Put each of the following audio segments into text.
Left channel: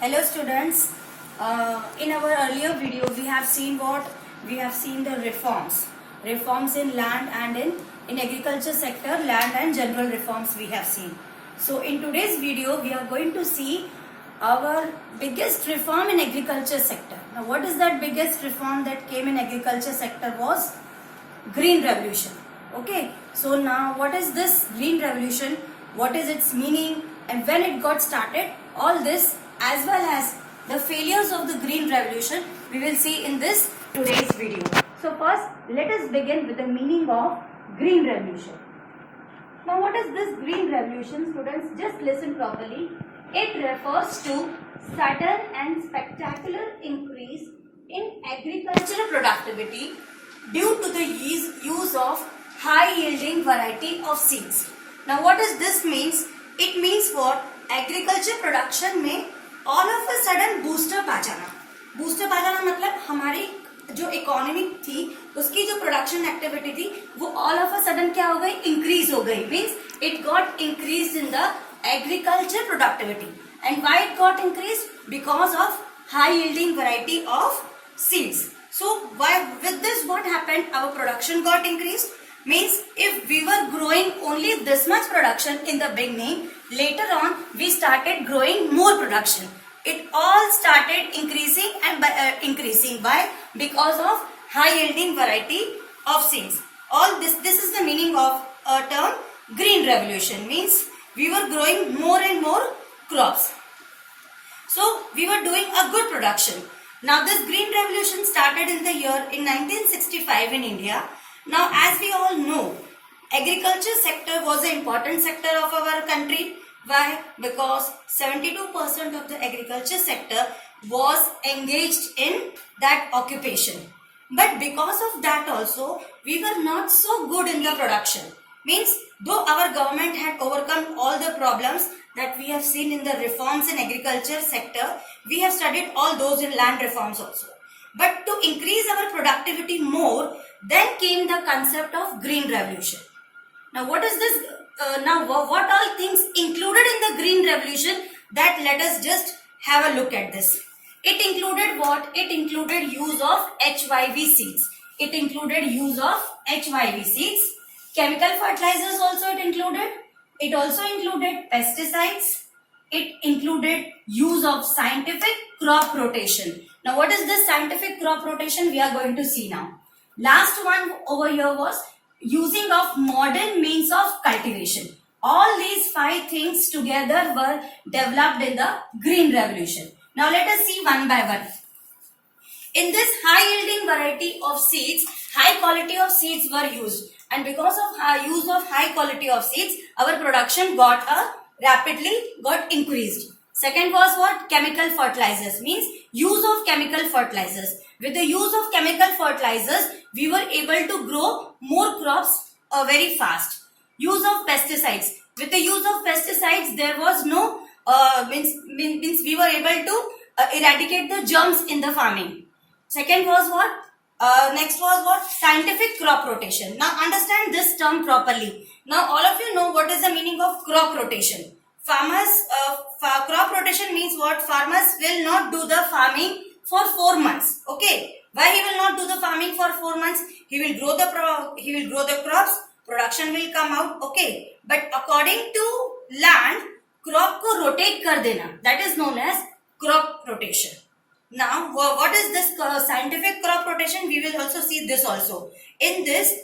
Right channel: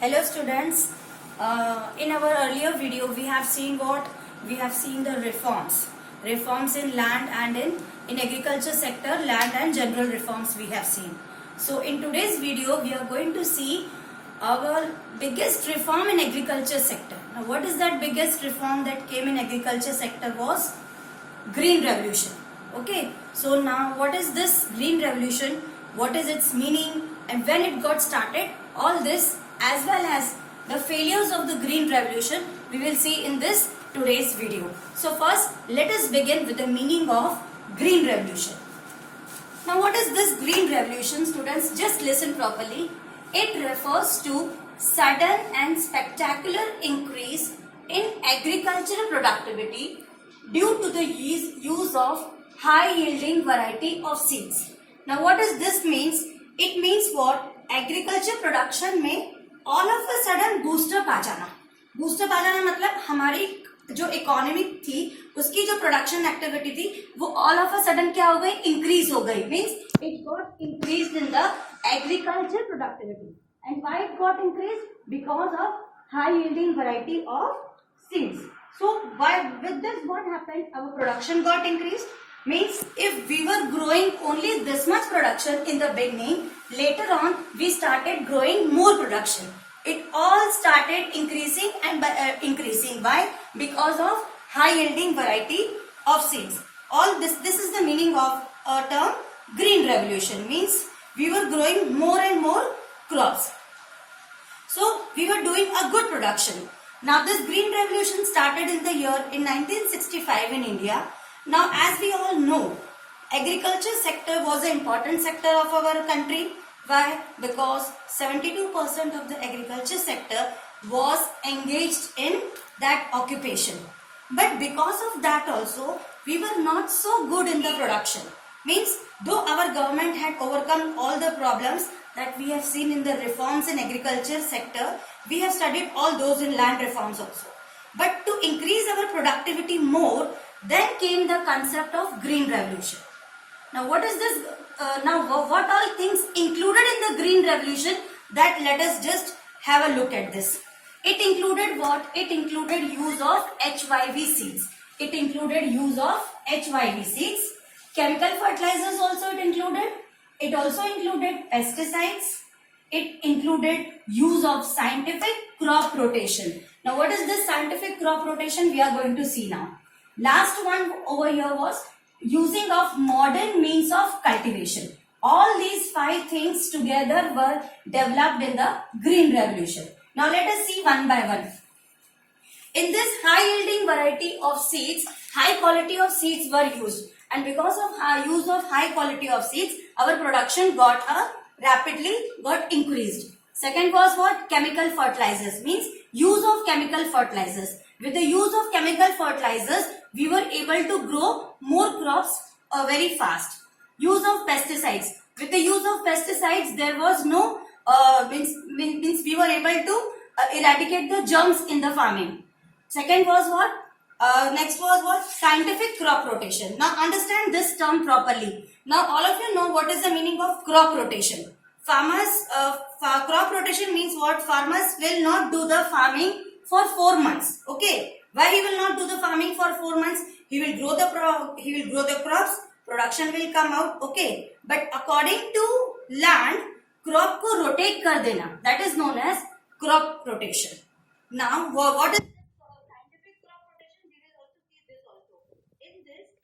Hello students, in our earlier video we have seen the reforms in land and in agriculture sector, land and general reforms we have seen. So in today's video we are going to see our biggest reform in agriculture sector. Now what is that biggest reform that came in agriculture sector was Green Revolution. Okay, so now what is this Green Revolution, what is its meaning and when it got started, all this as well as the failures of the Green Revolution we will see in this today's video. So first let us begin with the meaning of Green Revolution. Now what is this Green Revolution, students? Just listen properly. It refers to sudden and spectacular increase in agricultural productivity due to the use of high yielding variety of seeds. Now what does this means? It means what? Agriculture production में all of a sudden booster आ जाना. Booster आ जाना मतलब हमारी जो economy थी उसकी जो production activity थी वो ऑल ऑफ अ सडन क्या हो गई? इंक्रीज हो गई. Means it got increase in the agriculture productivity. And why it got increased? Because of high yielding variety of seeds. So with this what happened? Our production got increased. Means if we were growing only this much production in the beginning, later on we started growing more production. It all started increasing and increasing. Why? Because of high yielding variety of seeds. All this is the meaning of a term Green Revolution. Means we were growing more and more crops. So we were doing a good production. Now this Green Revolution started in the year in 1965 in India. Now as we all know, agriculture sector was an important sector of our country. Why? Because 72% of the agriculture sector was engaged in that occupation. But because of that also, we were not so good in the production. Means though our government had overcome all the problems that we have seen in the reforms in agriculture sector, we have studied all those in land reforms also. But to increase our productivity more, then came the concept of Green Revolution. Now what is this? What all things included in the Green Revolution? That let us just have a look at this. It included what? It included use of HYV seeds. It included use of HYV seeds. Chemical fertilizers also it included. It also included pesticides. It included use of scientific crop rotation. Now what is this scientific crop rotation? We are going to see now. Last one over here was using of modern means of cultivation. All these 5 things together were developed in the Green Revolution. Now let us see one by one. In this high yielding variety of seeds, high quality of seeds were used. And because of use of high quality of seeds, our production got rapidly increased. Second was what? Chemical fertilizers. Means use of chemical fertilizers. With the use of chemical fertilizers, we were able to grow more crops very fast. Use of pesticides. With the use of pesticides, there was no means we were able to eradicate the germs in the farming. Second was what? Next was what? Scientific crop rotation. Now understand this term properly. Now all of you know what is the meaning of crop rotation. Crop rotation means what? Farmers will not do the farming for 4 months. Okay. Why he will not do the farming for 4 months? He will grow the crops. Production will come out. Okay. But according to land, crop को rotate कर देना. That is known as crop rotation. Now, what is this scientific crop rotation? We will also see this also. In this,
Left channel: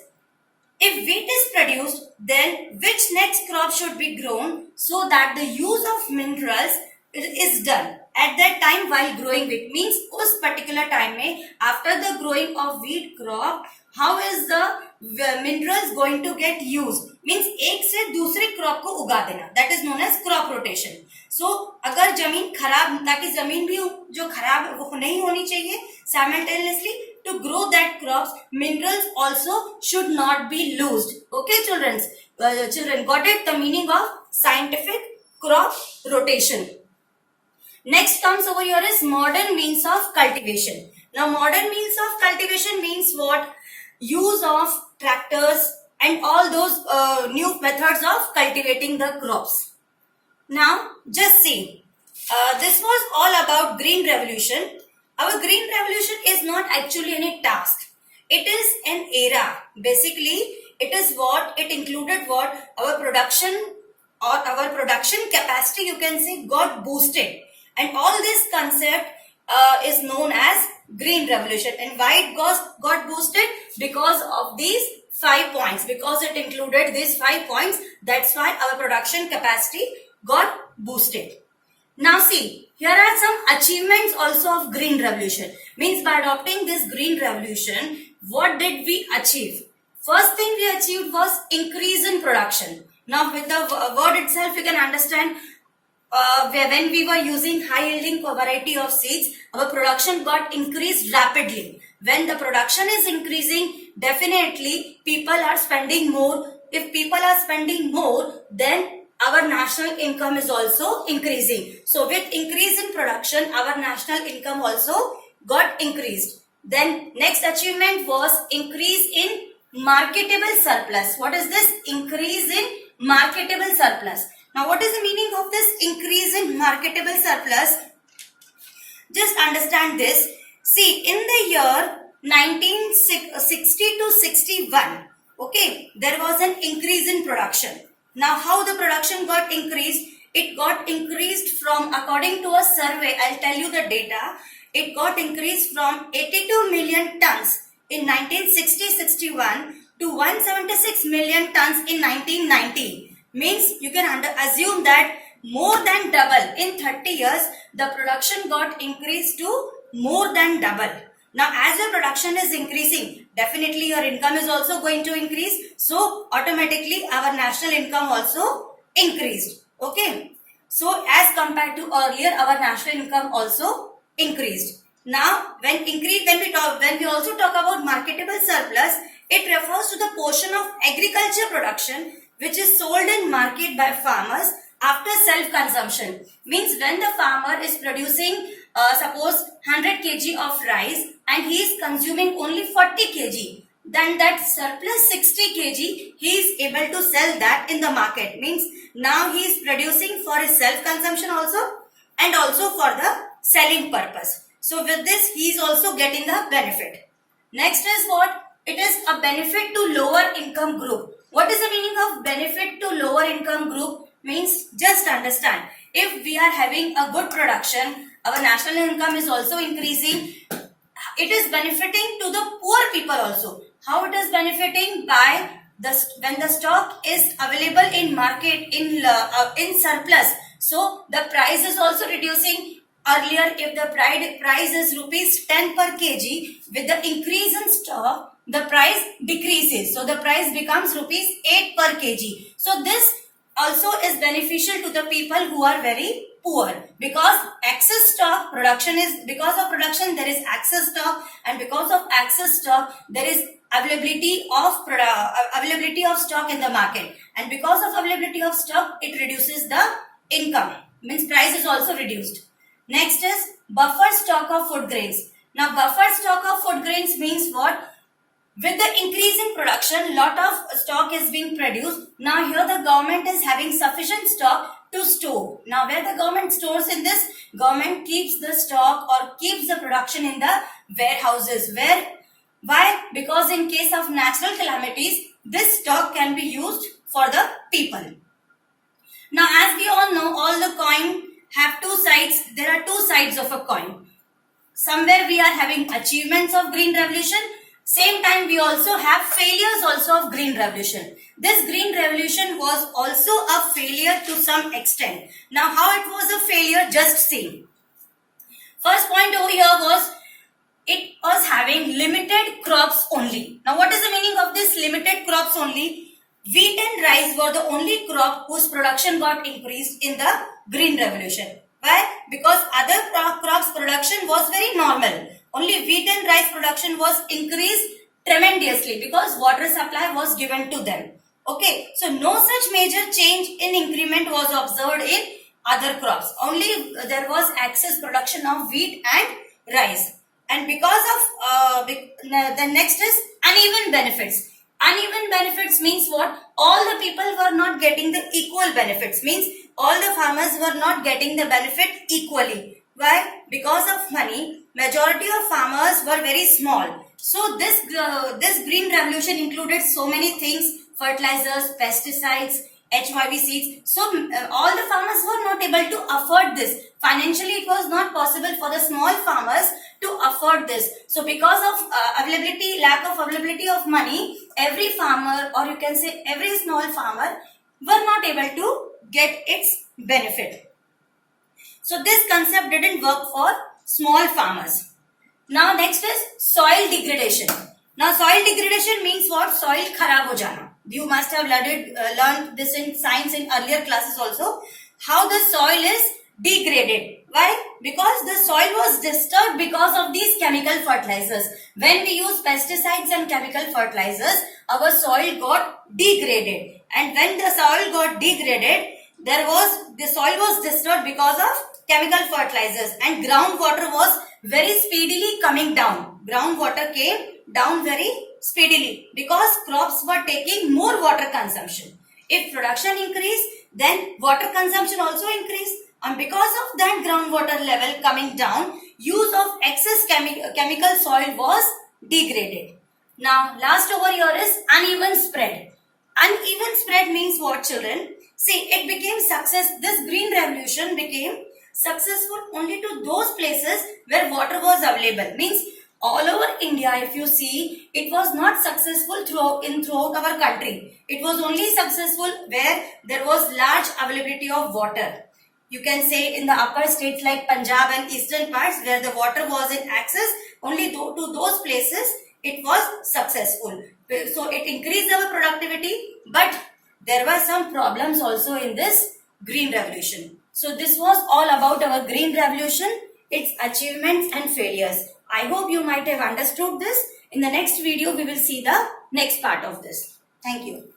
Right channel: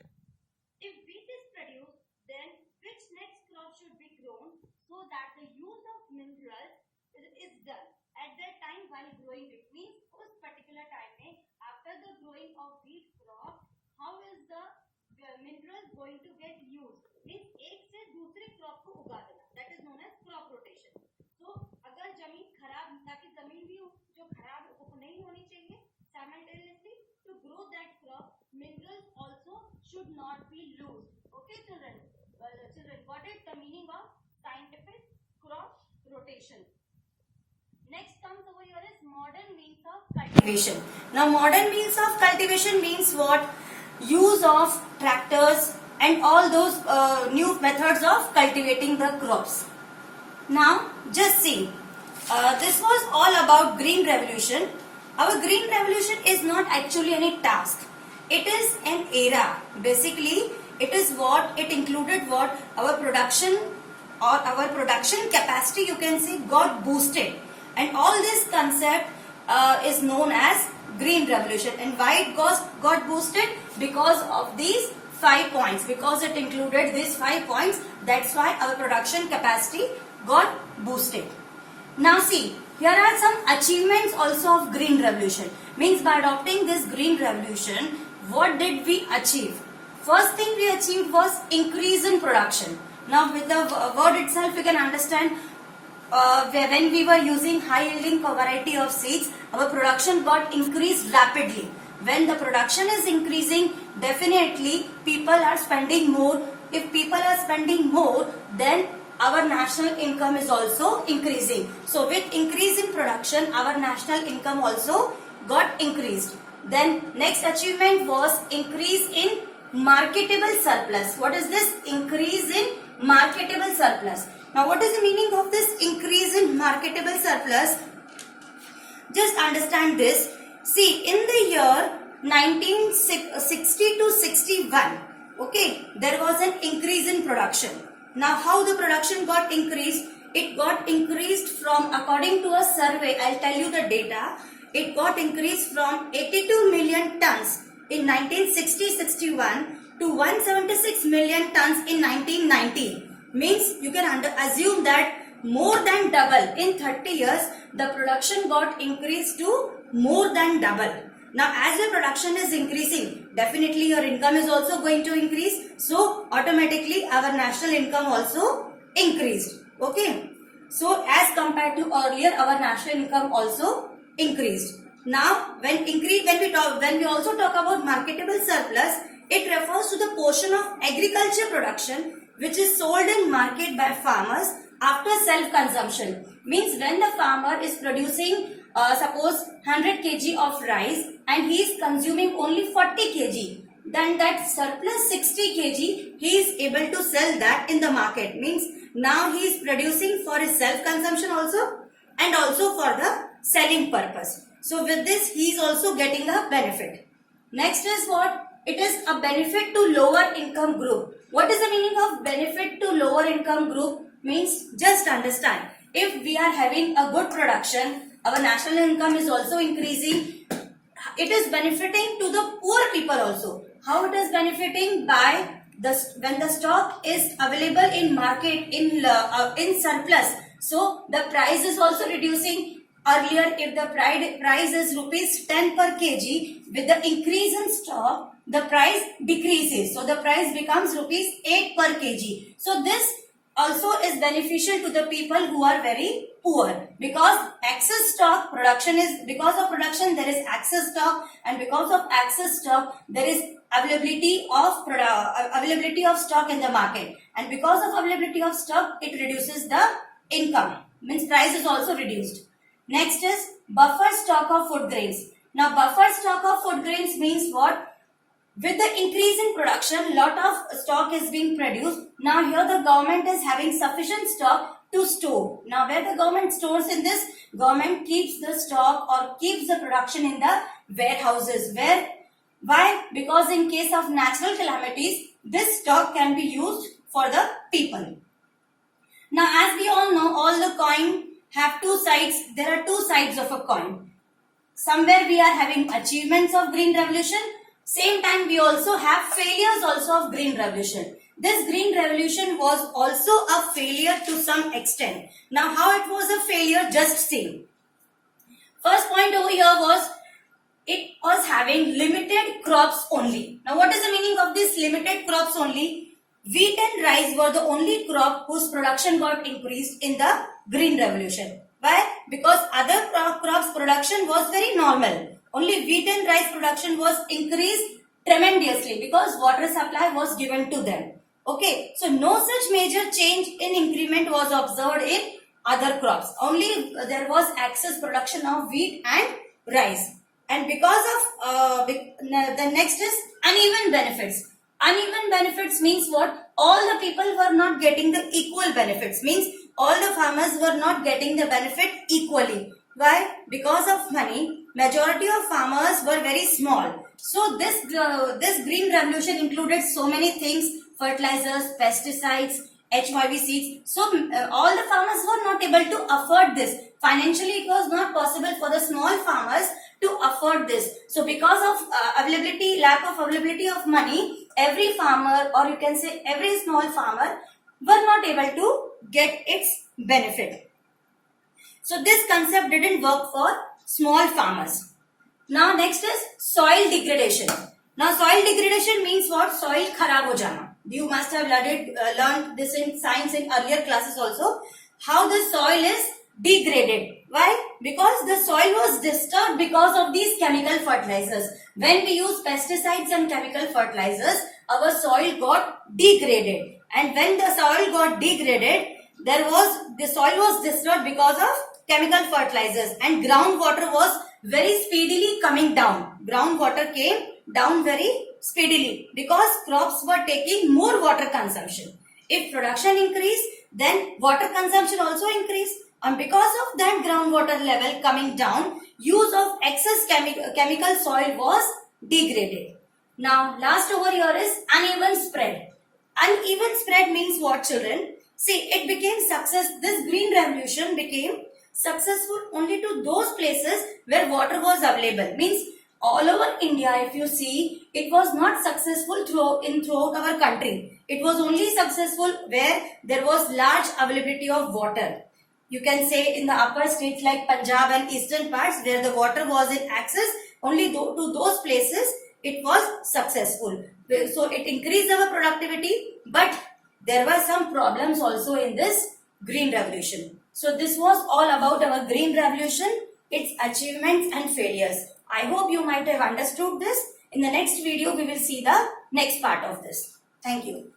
if wheat is produced, then which next crop should be grown so that the use of minerals is done at that time while growing wheat. Means उस particular time में after the growing of wheat crop, how is the minerals going to get used? Means एक से दूसरे crop को उगा देना. That is known as crop rotation. So अगर जमीन खराब, ताकि जमीन भी जो खराब वो नहीं होनी चाहिए, simultaneously to grow that crops, minerals also should not be lost. Okay, children, got it? The meaning of scientific crop rotation. Next comes over here is modern means of cultivation. Now modern means of cultivation means what? Use of tractors and all those new methods of cultivating the crops. Now just see, This was all about green revolution. Our green revolution is not actually any task. It is an era. Basically, it included what our production or our production capacity, you can say, got boosted. And all this concept is known as green revolution. And why it got boosted? Because of these 5 points. Because it included these 5 points, that's why our production capacity got boosted. Now see, here are some achievements also of green revolution. Means by adopting this green revolution, what did we achieve? First thing we achieved was increase in production. Now with the word itself, you can understand when we were using high yielding variety of seeds, our production got increased rapidly. When the production is increasing, definitely people are spending more. If people are spending more, then our national income is also increasing. So with increase in production, our national income also got increased. Then next achievement was increase in marketable surplus. What is this? Increase in marketable surplus. Now what is the meaning of this increase in marketable surplus? Just understand this. See, in the year 1960 to 61, okay, there was an increase in production. Now how the production got increased? It got increased from, according to a survey, I'll tell you the data, it got increased from 82 million tons in 1960-61 to 176 million tons in 1990. Means you can assume that more than double. In 30 years, the production got increased to more than double. Now as the production is increasing, definitely your income is also going to increase. So automatically our national income also increased. Okay. So as compared to earlier, our national income also increased. Now when we also talk about marketable surplus, it refers to the portion of agriculture production which is sold in market by farmers after self-consumption. Means when the farmer is producing suppose 100 kg of rice and he is consuming only 40 kg, then that surplus 60 kg he is able to sell that in the market. Means now he is producing for his self-consumption also and also for the selling purpose. So with this he is also getting the benefit. Next is what? It is a benefit to lower income group. What is the meaning of benefit to lower income group? Means just understand, if we are having a good production, our national income is also increasing. It is benefiting to the poor people also. How it is benefiting? By when the stock is available in market in surplus, so the price is also reducing. Earlier, if the price is rupees 10 per kg, with the increase in stock, the price decreases. So the price becomes rupees 8 per kg. So this also is beneficial to the people who are very poor, because excess stock production is, because of production there is excess stock, and because of excess stock there is availability of stock in the market, and because of availability of stock it reduces the income. Means price is also reduced. Next is buffer stock of food grains. Now buffer stock of food grains means what? With the increase in production, lot of stock is being produced. Now here the government is having sufficient stock to store. Now where the government stores in this? Government keeps the stock or keeps the production in the warehouses. Why? Because in case of natural calamities, this stock can be used for the people. Now as we all know, all the coin have two sides. There are two sides of a coin. Somewhere we are having achievements of green revolution. Same time we also have failures also of green revolution. This green revolution was also a failure to some extent. Now how it was a failure, just see. First point over here was, it was having limited crops only. Now what is the meaning of this limited crops only? Wheat and rice were the only crop whose production got increased in the green revolution. Why? Because other crops production was very normal. Only wheat and rice production was increased tremendously because water supply was given to them. Okay, so no such major change in increment was observed in other crops. Only there was excess production of wheat and rice. And because of the next is uneven benefits. Uneven benefits means what? All the people were not getting the equal benefits. Means all the farmers were not getting the benefit equally. Why? Because of money, majority of farmers were very small. So this green revolution included so many things: fertilizers, pesticides, HYV seeds. So all the farmers were not able to afford this. Financially, it was not possible for the small farmers to afford this. So because of lack of availability of money, every farmer, or you can say every small farmer, were not able to get its benefit. So this concept didn't work for small farmers. Now next is soil degradation. Now soil degradation means what? Soil kharab ho jana. You must have learned this in science in earlier classes also. How the soil is degraded. Why? Because the soil was disturbed because of these chemical fertilizers. When we use pesticides and chemical fertilizers, our soil got degraded. And when the soil got degraded, the soil was disturbed because of chemical fertilizers, and groundwater was very speedily coming down. Groundwater came down very speedily because crops were taking more water consumption. If production increased, then water consumption also increased. And because of that groundwater level coming down, use of excess chemical soil was degraded. Now last over here is uneven spread. Uneven spread means what, children? See, it became success. This green revolution became successful only to those places where water was available. Means all over India, if you see, it was not successful throughout our country. It was only successful where there was large availability of water. You can say in the upper states like Punjab and eastern parts where the water was in access, only to those places it was successful. So it increased our productivity, but there were some problems also in this green revolution. So this was all about our green revolution, its achievements and failures. I hope you might have understood this. In the next video, we will see the next part of this. Thank you.